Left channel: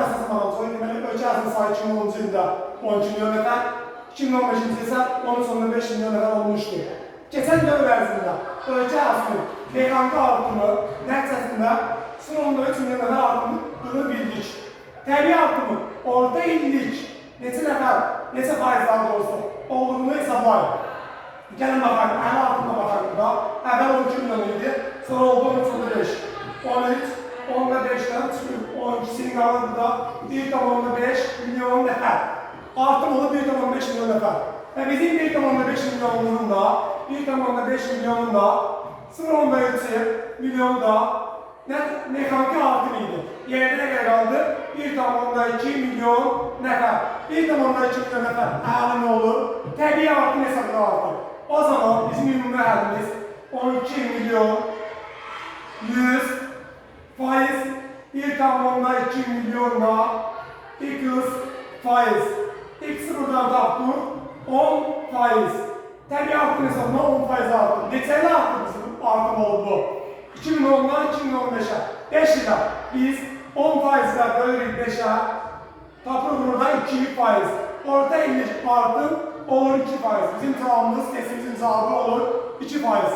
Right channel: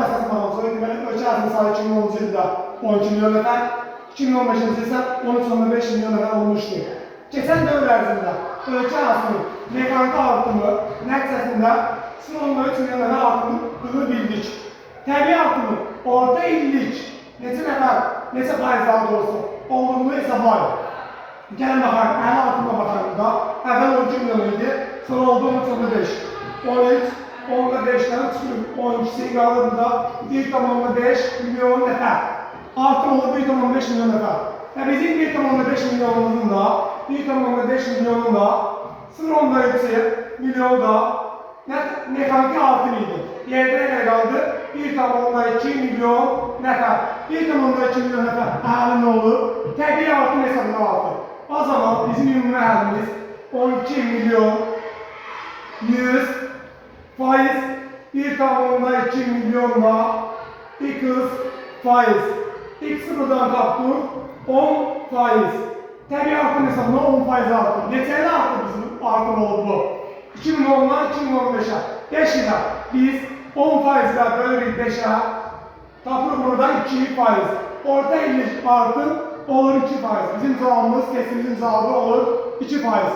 Esas balansı deməli ölkə ərazinin sayı 2010-cu ildə 12 milyon nəfər, 2015-ci isə 13,5 milyon nəfər olmuşdur. Keçən dövr ərzində ölkə ərazinin mexaniki artımı nəticəsində 0,3 milyon nəfər artımını bildik. Təbii artımı orta illik neçə nəfər, neçə faiz daha doğrusu olduğunu hesablayın. Gəlin baxaq, əhəl artımına baxarında əvvəl 12 milyon idi, sonra oldu 13,5, 13, 10,5'dən çıxır, 12'sini qalır burada 1,5 milyon nəfər. Artım olur 1,5 milyon nəfər. Və bizim 1,5 milyonunun da 1,5 milyonun da 0,3 milyon da mexaniki artım idi. Yerdə nə qaldı? 1,2 milyon nəfər. 1,2 milyon nəfər əhəli nə olur? Təbii artım hesabına artır. O zaman bizim ümumi əhalimiz 12 milyon 100 faiz 1,2 milyonla 200 faiz. X'i buradan tapdık 10 faiz. Təbii artım hesabına 10 faiz artır. Neçəli artır bizim artım oldu? 2010'dan 2015'e 5 ilə biz 10 faizlə bölürük 5'e tapırıq buradan 2 faiz. Orta illik artım olur 2 faiz. Bizim cevabımız, kesimizin cevabı olur 2 faiz.